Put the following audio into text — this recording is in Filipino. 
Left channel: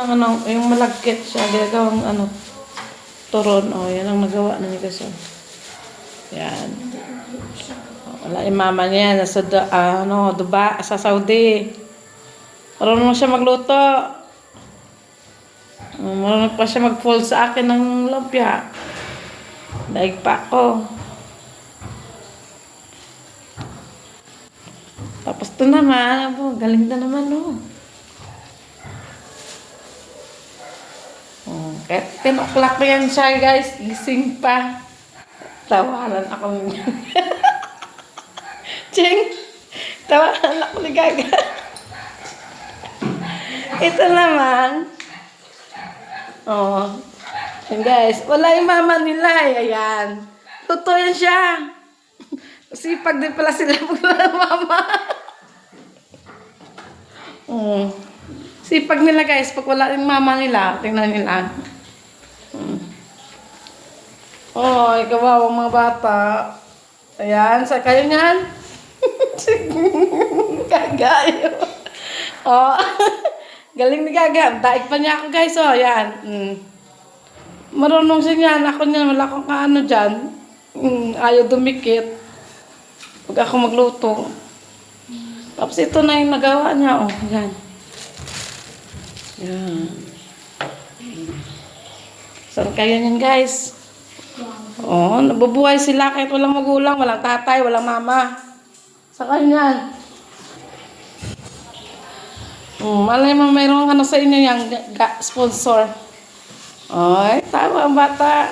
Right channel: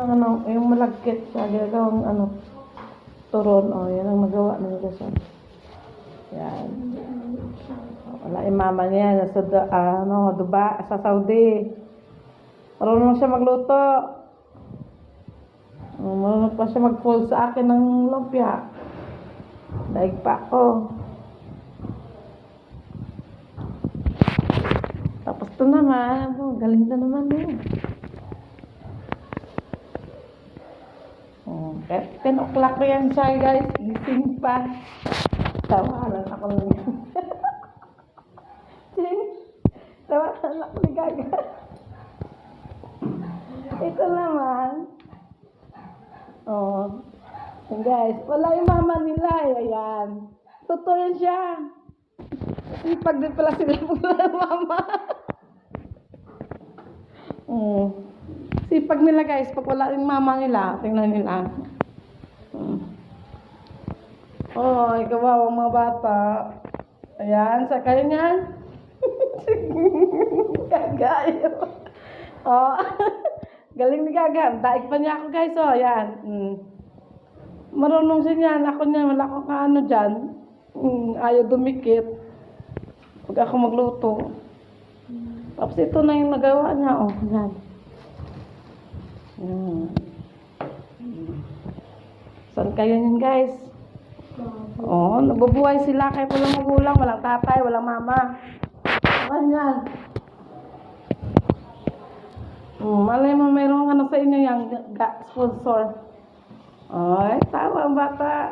Yung malagkit siya, ginagawang turon. O, yan ang nagawa na ni Gason. Yan. Wala yung mama niya, nasa Dubai, sa Saudi. Marunong siya magluto. Marunong pa siya mag-fold sa akin ng lumpia. Daig pa ako. Tapos ito naman, galing na naman Kahit 10 o'clock na yan siya, guys. Gising pa. Tawanan ako niya. Ching! Tawanan ako ni Gaga. Ito naman. Yan guys. Wala yung mama nila. Ayan. Totoo yan siya. Sipag din pala sila pag wala mama. Sipag nila guys. Pag wala yung mama nila, tingnan nila. Kawawa mga bata. Ayan, sa kayo niyan. Gagayo. Galing ni Gaga. Daig pa niya ako guys. Ayan. Marunong siya niyan. Ako niyan. Wala akong kaano dyan. Ayaw dumikit. Pag ako magluto. Tapos ito na yung nagawa niya. Ayan. Ayan. Saan kayo niyan guys? Nabubuhay sila kahit walang magulang, walang tatay, walang mama. Sa kanyan. Malay mo mayroong sa inyo yung sponsor. Tama ang bata.